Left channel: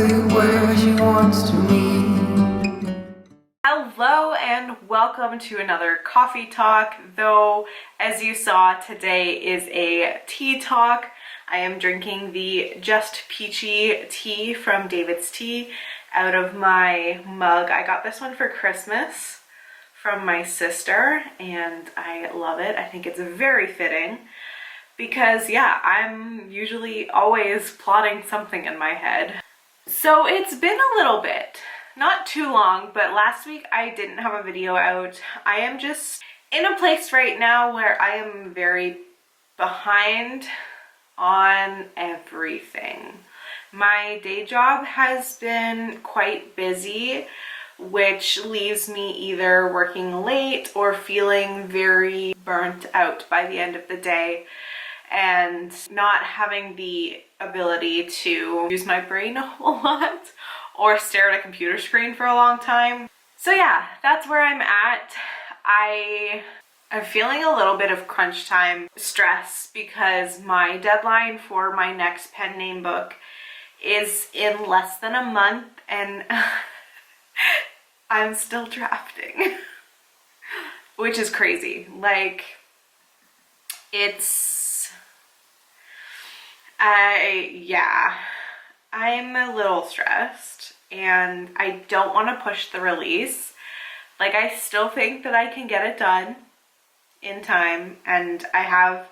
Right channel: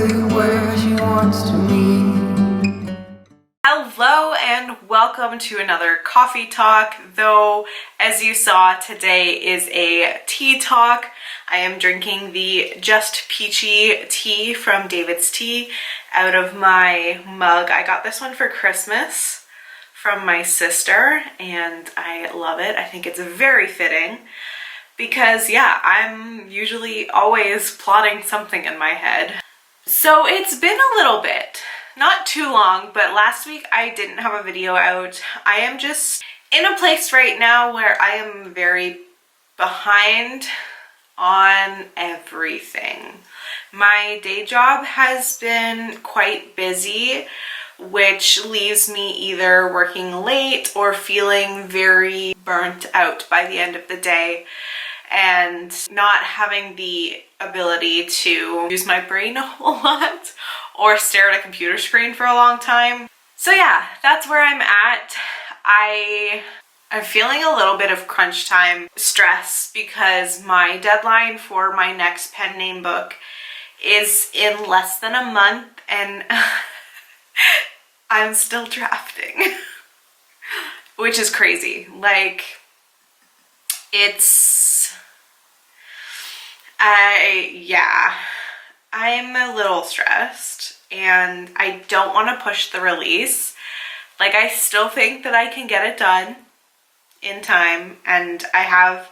exactly where she wants to meet. Hello and welcome to another coffee talk, though as you saw, today is a tea talk. I am drinking the Just Peachy tea from David's Tea out of my mug. I got this one for Christmas from my sister and I love it. I think it's very fitting because yeah, I'm usually always plotting something in my head. So it's been a little bit. Not too long, but last week I didn't have a video out. I am just in a place right now where I am very behind on everything. My day job has been quite busy, which leaves me either working late or feeling very burnt out by the end of the day and not having the ability to use my brain a whole lot or stare at a computer screen for a long time. So yeah, that's where I'm at. I'm feeling a little bit of crunch time stress because my deadline for my next pen name book is in less than a month and I'm still drafting, which is crazy. Like, I'm a little stressed and I don't want to push the release. Like, I still think that I can get it done in time and I have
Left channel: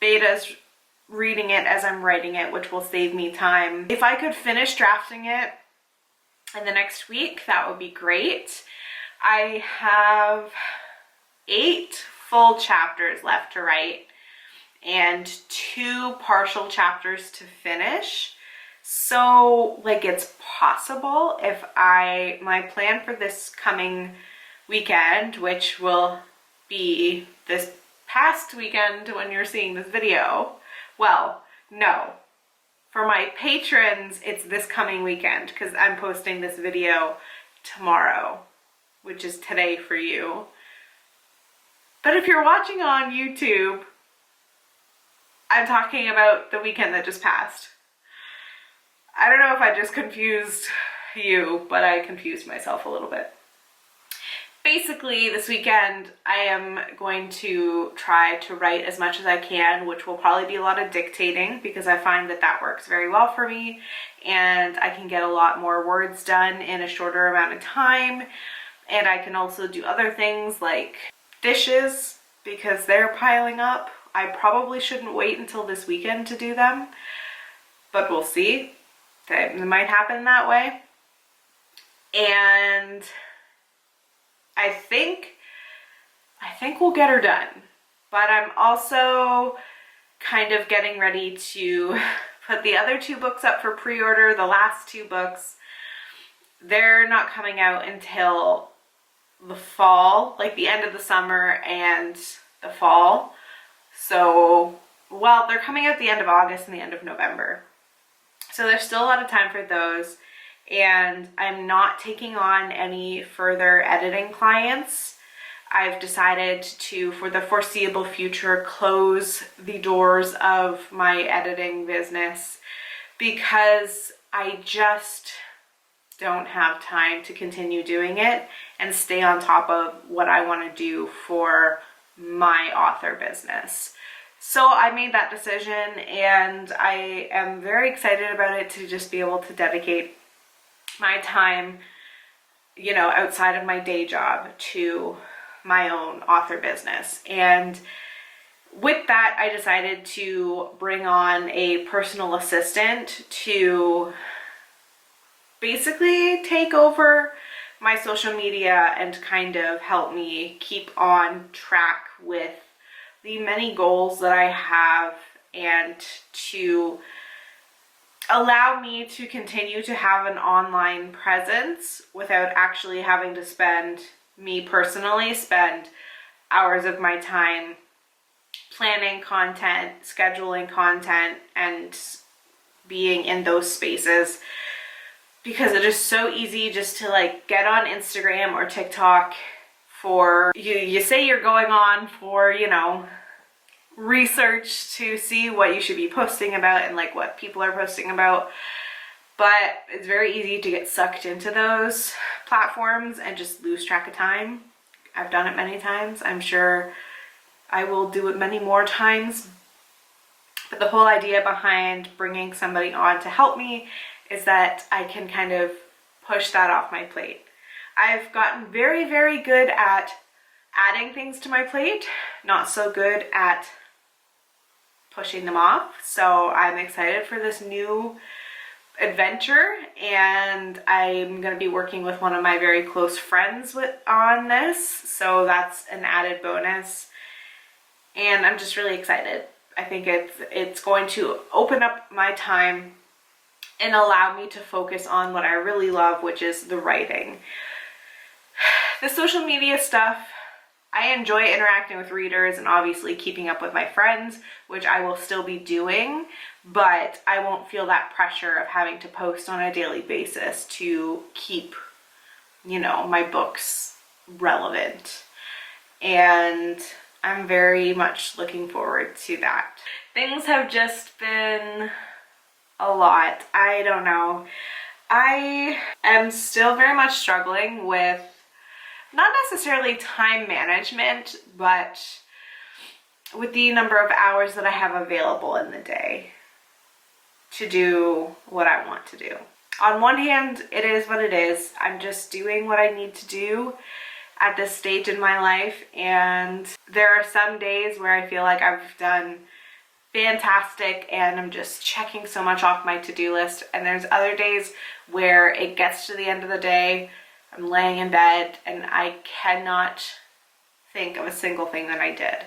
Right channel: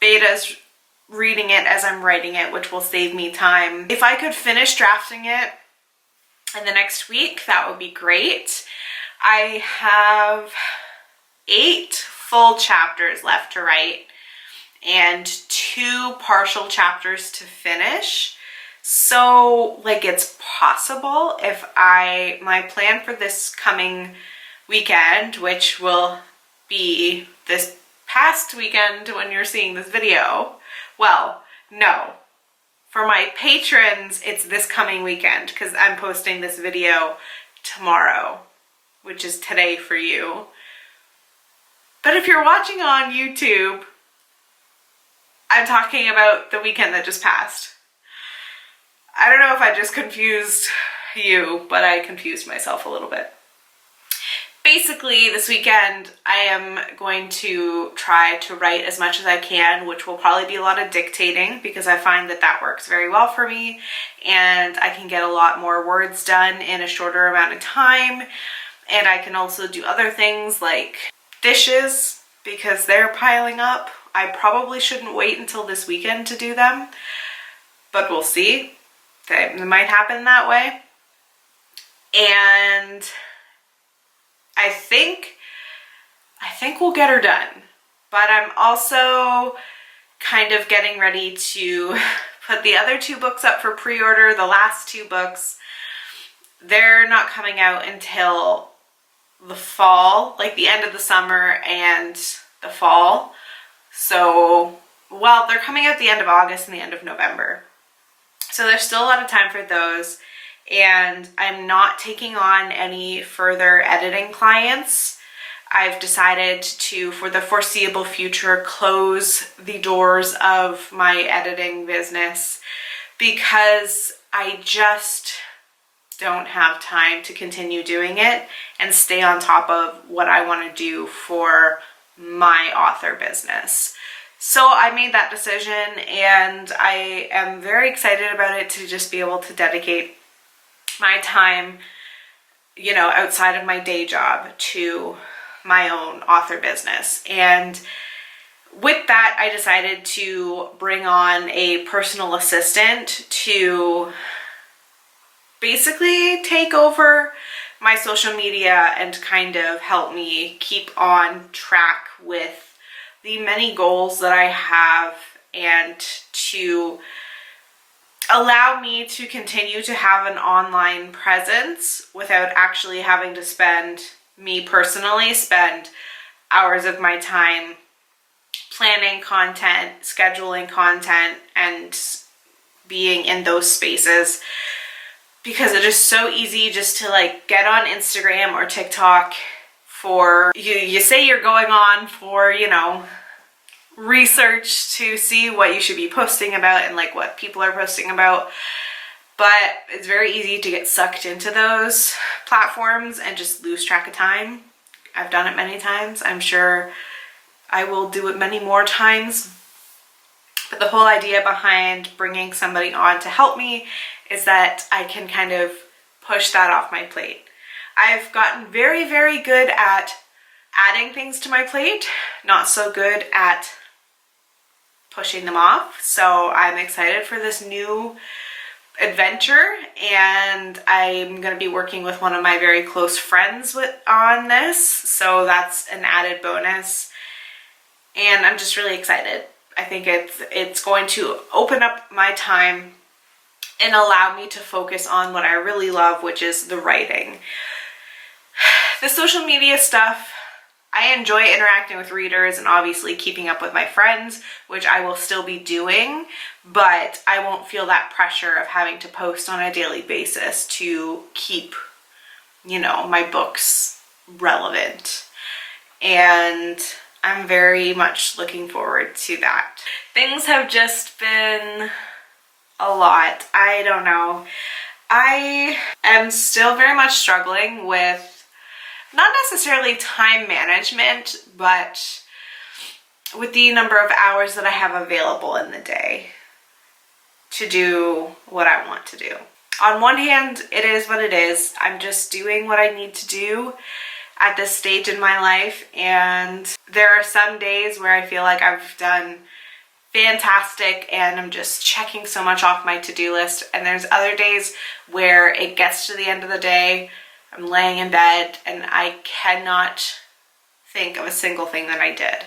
betas reading it as I'm writing it, which will save me time. If I could finish drafting it in the next week, that would be great. I have 8 full chapters left to write and 2 partial chapters to finish. So like, it's possible if my plan for this coming weekend, which will be this past weekend when you're seeing this video. Well, no, for my patrons, it's this coming weekend because I'm posting this video tomorrow, which is today for you. But if you're watching on YouTube, I'm talking about the weekend that just passed. I don't know if I just confused you, but I confused myself a little bit. Basically, this weekend, I am going to try to write as much as I can, which will probably be a lot of dictating because I find that that works very well for me and I can get a lot more words done in a shorter amount of time. And I can also do other things like dishes because they're piling up. I probably shouldn't wait until this weekend to do them, but we'll see. It might happen that way. And I think we'll get her done. But I'm also kind of getting ready to put the other 2 books up for pre-order. The last 2 books, they're not coming out until the fall, like the end of the summer and the fall. So, well, they're coming out the end of August and the end of November. So there's still a lot of time for those, and I'm not taking on any further editing clients. I've decided to, for the foreseeable future, close the doors of my editing business because I just don't have time to continue doing it and stay on top of what I want to do for my author business. So I made that decision and I am very excited about it to just be able to dedicate my time, you know, outside of my day job to my own author business. And with that, I decided to bring on a personal assistant to basically take over my social media and kind of help me keep on track with the many goals that I have and to allow me to continue to have an online presence without actually having to spend hours of my time planning content, scheduling content, and being in those spaces, because it is so easy just to like get on Instagram or TikTok for, you say you're going on for, you know, research to see what you should be posting about and like what people are posting about. but it's very easy to get sucked into those platforms and just lose track of time. I've done it many times. I'm sure I will do it many more times. But the whole idea behind bringing somebody on to help me is that I can kind of push that off my plate. I've gotten very, very good at adding things to my plate, not so good at pushing them off. So I'm excited for this new adventure, and I'm going to be working with one of my very close friends on this, so that's an added bonus, and I'm just really excited. I think it's going to open up my time and allow me to focus on what I really love, which is the writing. The social media stuff, I enjoy interacting with readers and obviously keeping up with my friends, which I will still be doing, but I won't feel that pressure of having to post on a daily basis to keep, my books relevant. And I'm very much looking forward to that. Things have just been a lot. I don't know. I am still very much struggling with not necessarily time management, but with the number of hours that I have available in the day to do what I want to do. On one hand, it is what it is. I'm just doing what I need to do at this stage in my life, and there are some days where I feel like I've done fantastic and I'm just checking so much off my to-do list, and there's other days where it gets to the end of the day, I'm laying in bed and I cannot think of a single thing that I did.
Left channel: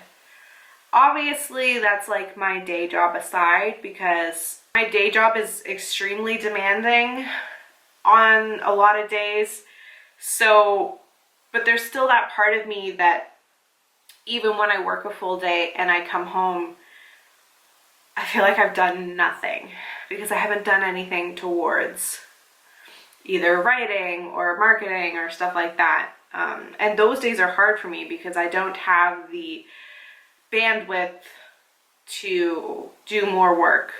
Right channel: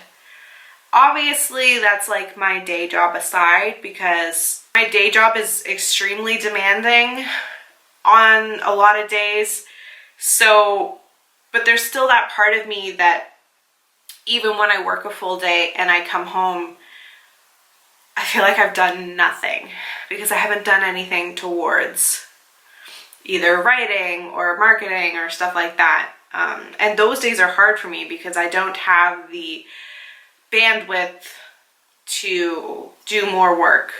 Obviously, that's like my day job aside, because my day job is extremely demanding on a lot of days. So, but there's still that part of me that even when I work a full day and I come home, I feel like I've done nothing because I haven't done anything towards either writing or marketing or stuff like that. And those days are hard for me because I don't have the bandwidth to do more work.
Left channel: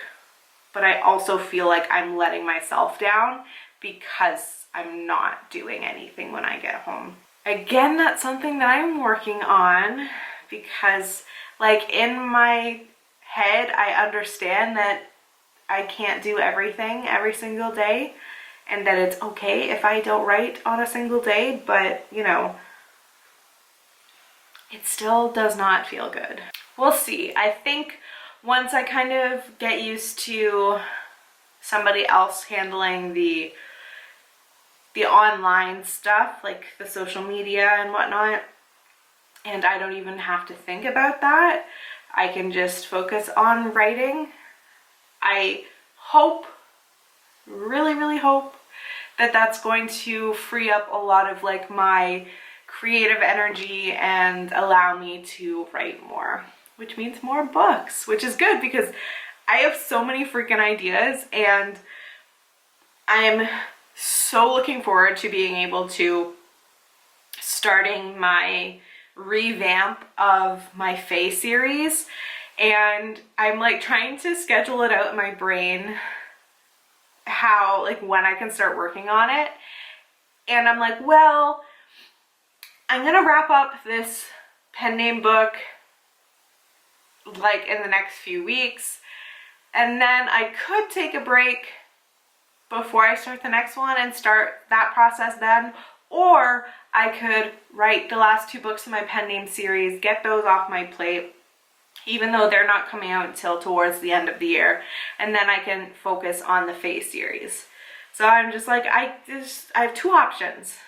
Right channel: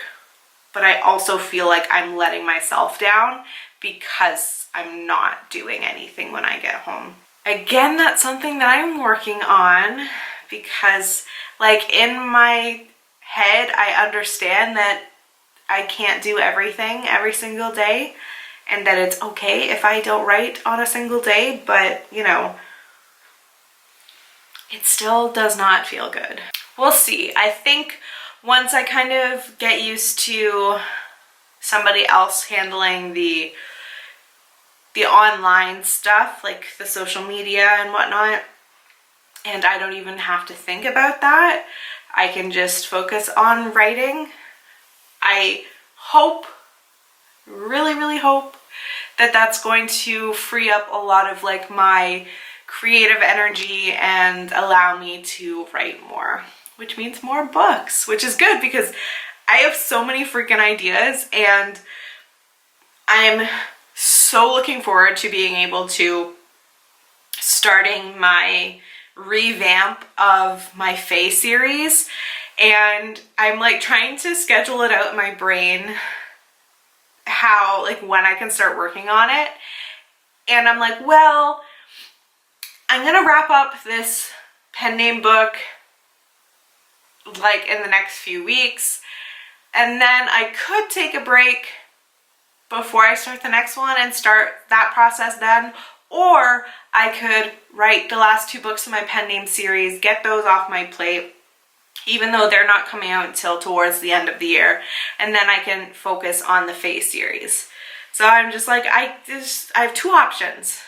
But I also feel like I'm letting myself down because I'm not doing anything when I get home. Again, that's something that I'm working on, because like in my head, I understand that I can't do everything every single day, and that it's okay if I don't write on a single day, but it still does not feel good. We'll see. I think once I kind of get used to somebody else handling the online stuff, like the social media and whatnot, and I don't even have to think about that, I can just focus on writing. I hope, really, really hope that that's going to free up a lot of like my creative energy and allow me to write more, which means more books, which is good because I have so many freaking ideas, and I'm so looking forward to being able to starting my revamp of my Fae series. And I'm like trying to schedule it out in my brain how, like, when I can start working on it. And I'm like, well, I'm gonna wrap up this pen name book like in the next few weeks, and then I could take a break before I start the next one and start that process then, or I could write the last 2 books in my pen name series, get those off my plate, even though they're not coming out until towards the end of the year, and then I can focus on the Fae series. So I'm just like, I have 2 options.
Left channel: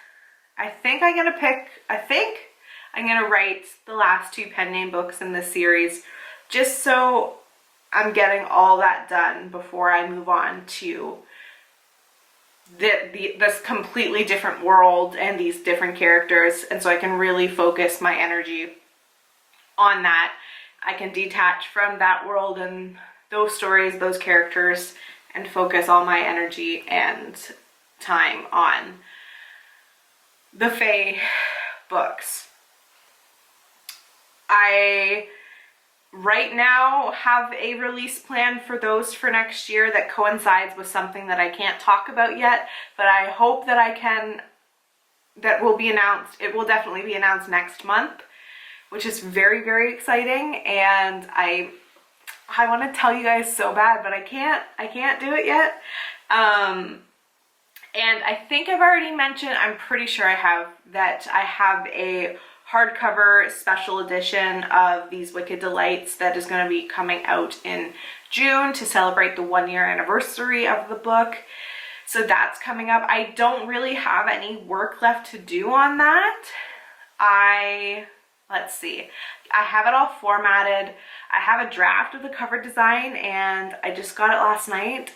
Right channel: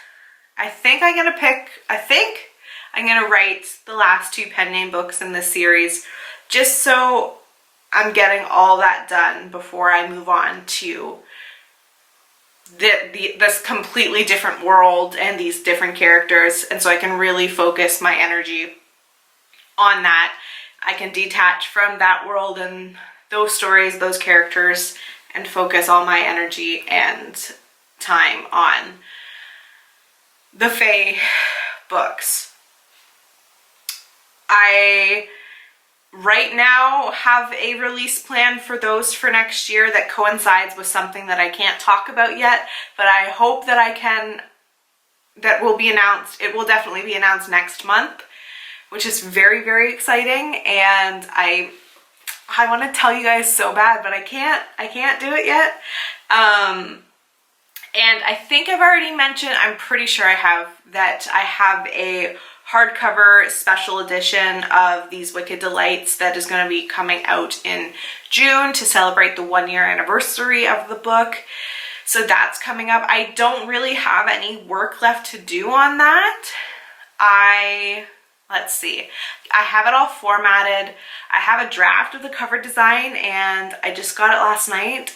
I think I'm gonna write the last 2 pen name books in this series, just so I'm getting all that done before I move on to this completely different world and these different characters, and so I can really focus my energy on that. I can detach from that world and those stories, those characters, and focus all my energy and time on the Fae books. I right now have a release plan for those for next year that coincides with something that I can't talk about yet, but I hope that I can, that will be announced. It will definitely be announced next month, which is very, very exciting. And I want to tell you guys so bad, but I can't do it yet. And I think I've already mentioned, I'm pretty sure I have, that I have a hardcover special edition of these Wicked Delights that is going to be coming out in June to celebrate the 1-year anniversary of the book. So that's coming up. I don't really have any work left to do on that. Let's see, I have it all formatted. I have a draft of the cover design and I just got it last night.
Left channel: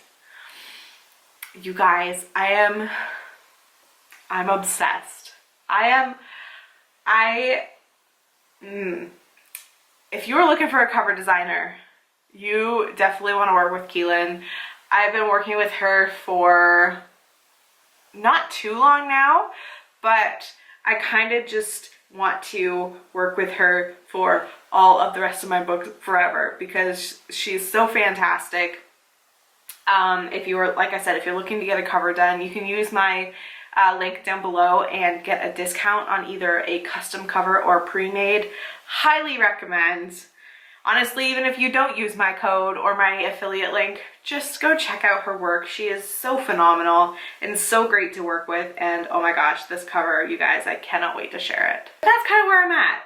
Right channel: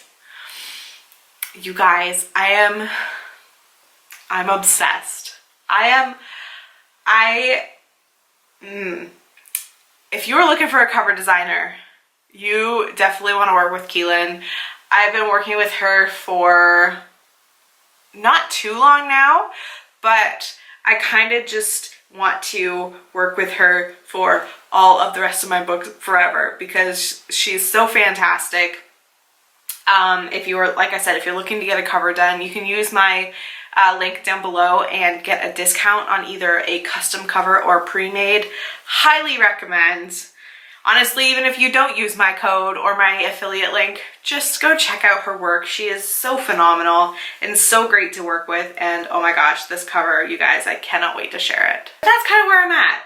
You guys, I'm obsessed. If you are looking for a cover designer, you definitely want to work with Keylin. I've been working with her for not too long now, but I kind of just want to work with her for all of the rest of my books forever because she's so fantastic. If you were, like I said, if you're looking to get a cover done, you can use my link down below and get a discount on either a custom cover or pre-made. Highly recommend. Honestly, even if you don't use my code or my affiliate link, just go check out her work. She is so phenomenal and so great to work with. And oh my gosh, this cover, you guys, I cannot wait to share it. That's kind of where I'm at.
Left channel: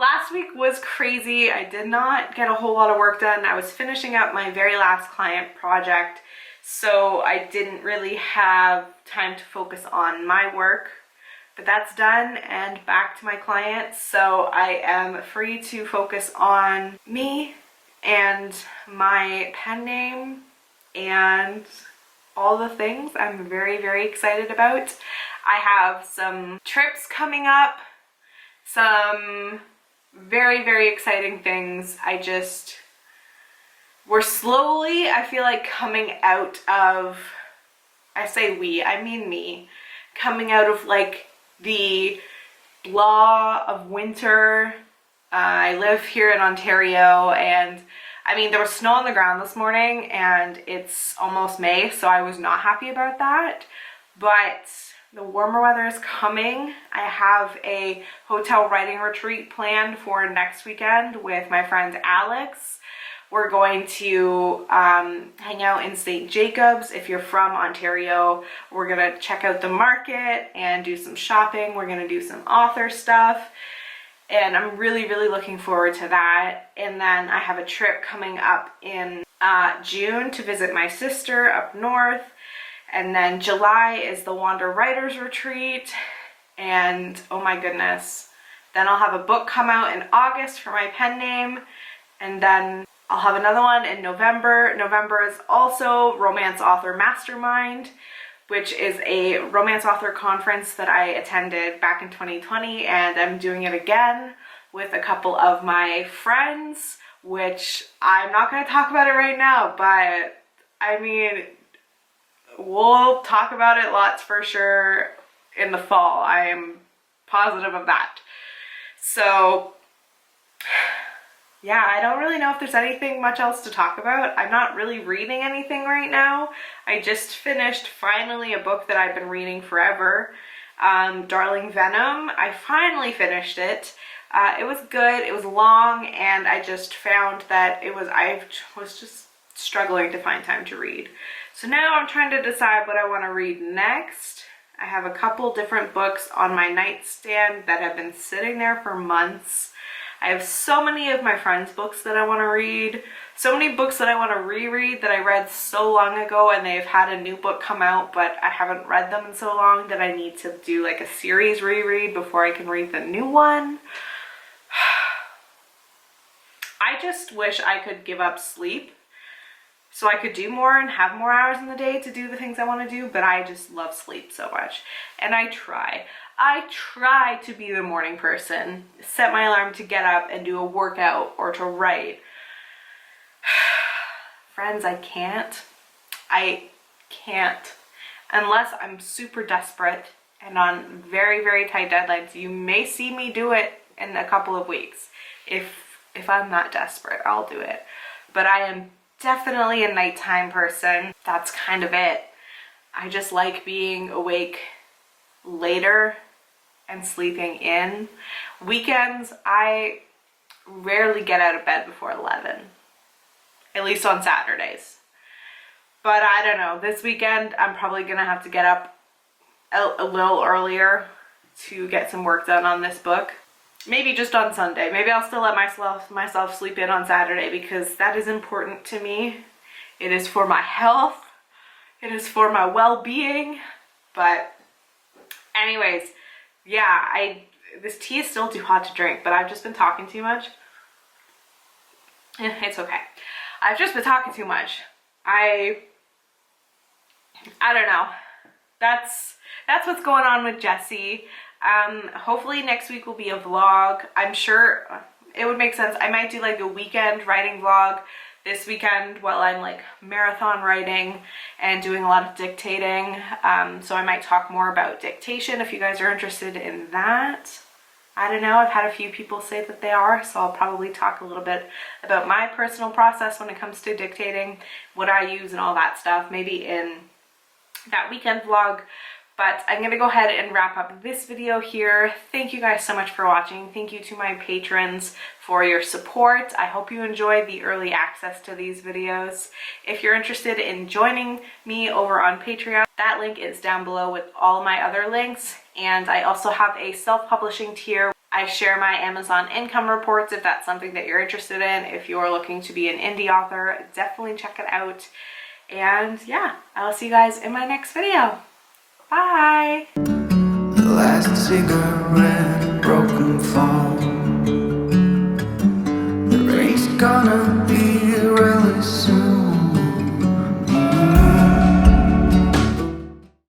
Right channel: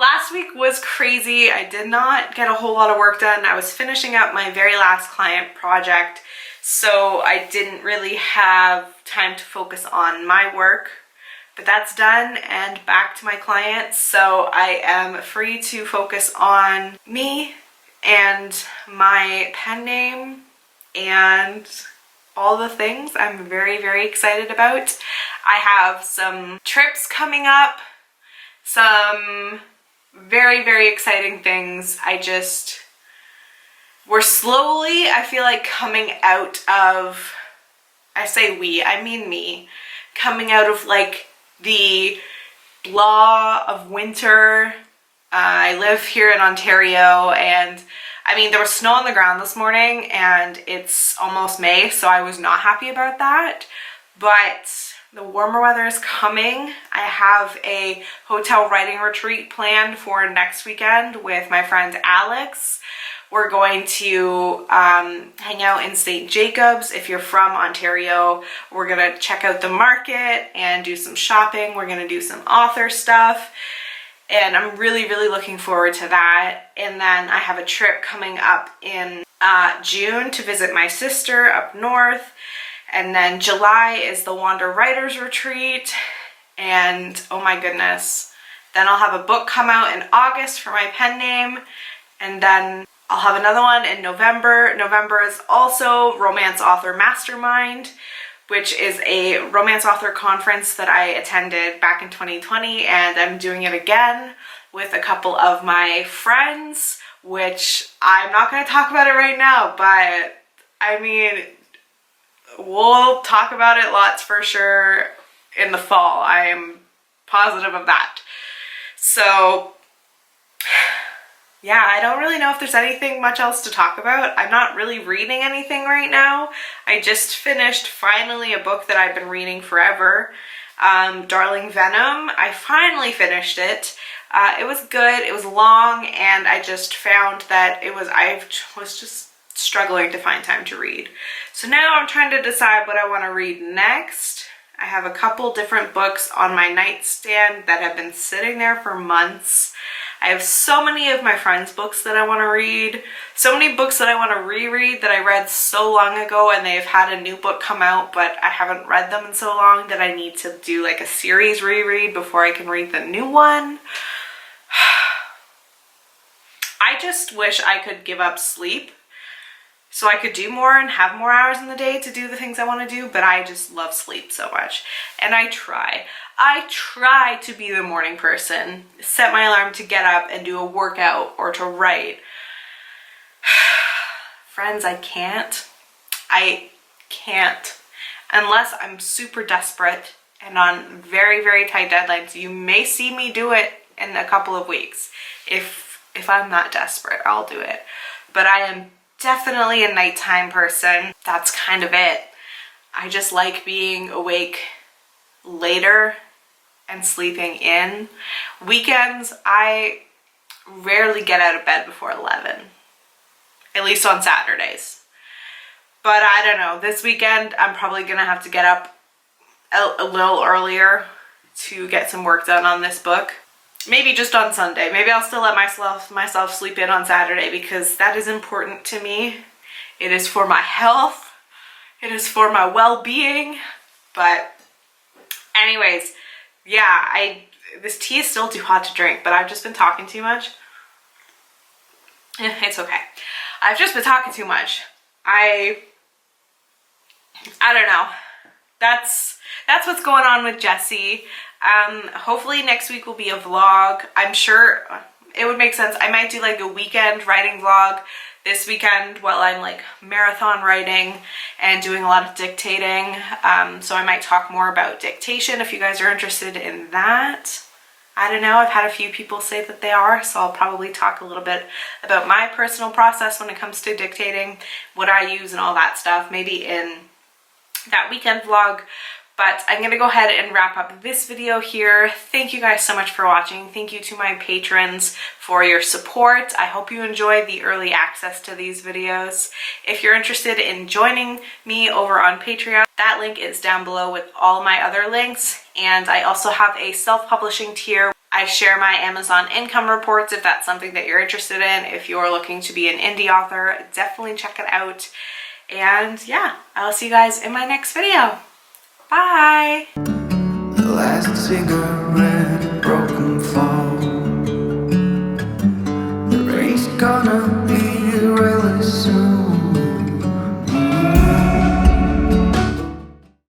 Last week was crazy. I did not get a whole lot of work done. I was finishing up my very last client project, so I didn't really have time to focus on my work. But that's done and back to my clients, so I am free to focus on me and my pen name and all the things I'm very, very excited about. I have some trips coming up, some very, very exciting things. We're slowly, I feel like, coming out of, I say we, I mean me, coming out of like the blah of winter. I live here in Ontario and I mean there was snow on the ground this morning and it's almost May, so I was not happy about that, but the warmer weather is coming. I have a hotel writing retreat planned for next weekend with my friend Alex. We're going to hang out in St. Jacobs. If you're from Ontario, we're gonna check out the market and do some shopping. We're gonna do some author stuff. And I'm really, really looking forward to that. And then I have a trip coming up in June to visit my sister up north. And then July is the Wander Writers Retreat. And oh my goodness, then I'll have a book come out in August for my pen name. And then I'll have another one in November. November is also Romance Author Mastermind, which is a romance author conference that I attended back in 2020, and I'm doing it again with a couple of my friends, which I'm not going to talk about it right now, but I mean, we'll talk about it lots for sure in the fall. I am positive of that. So yeah, I don't really know if there's anything much else to talk about. I'm not really reading anything right now. I just finished finally a book that I've been reading forever, Darling Venom. I finally finished it. It was good, it was long, and I just found that I was just struggling to find time to read. So now I'm trying to decide what I want to read next. I have a couple different books on my nightstand that have been sitting there for months. I have so many of my friends' books that I want to read, so many books that I want to reread that I read so long ago and they've had a new book come out, but I haven't read them in so long that I need to do like a series reread before I can read the new one. I just wish I could give up sleep so I could do more and have more hours in the day to do the things I want to do, but I just love sleep so much. And I try to be the morning person, set my alarm to get up and do a workout or to write. Friends, I can't unless I'm super desperate and on very, very tight deadlines. You may see me do it in a couple of weeks. If If I'm that desperate, I'll do it. But I am definitely a nighttime person. That's kind of it. I just like being awake later and sleeping in. Weekends, I rarely get out of bed before 11, at least on Saturdays. But I don't know, this weekend I'm probably gonna have to get up a little earlier to get some work done on this book. Maybe just on Sunday. Maybe I'll still let myself sleep in on Saturday because that is important to me. It is for my health. It is for my well-being. But anyways, yeah, this tea is still too hot to drink, but I've just been talking too much. It's okay. I've just been talking too much. I don't know. That's what's going on with Jessie. Hopefully next week will be a vlog. I'm sure it would make sense. I might do like a weekend writing vlog this weekend while I'm like marathon writing and doing a lot of dictating. So I might talk more about dictation if you guys are interested in that. I don't know, I've had a few people say that they are, so I'll probably talk a little bit about my personal process when it comes to dictating, what I use and all that stuff, maybe in that weekend vlog. But I'm gonna go ahead and wrap up this video here. Thank you guys so much for watching. Thank you to my patrons for your support. I hope you enjoyed the early access to these videos. If you're interested in joining me over on Patreon, that link is down below with all my other links. And I also have a self-publishing tier. I share my Amazon income reports if that's something that you're interested in. If you're looking to be an indie author, definitely check it out. And yeah, I'll see you guys in my next video. Bye! The last cigarette, broken fall. The rain's gonna be really soon.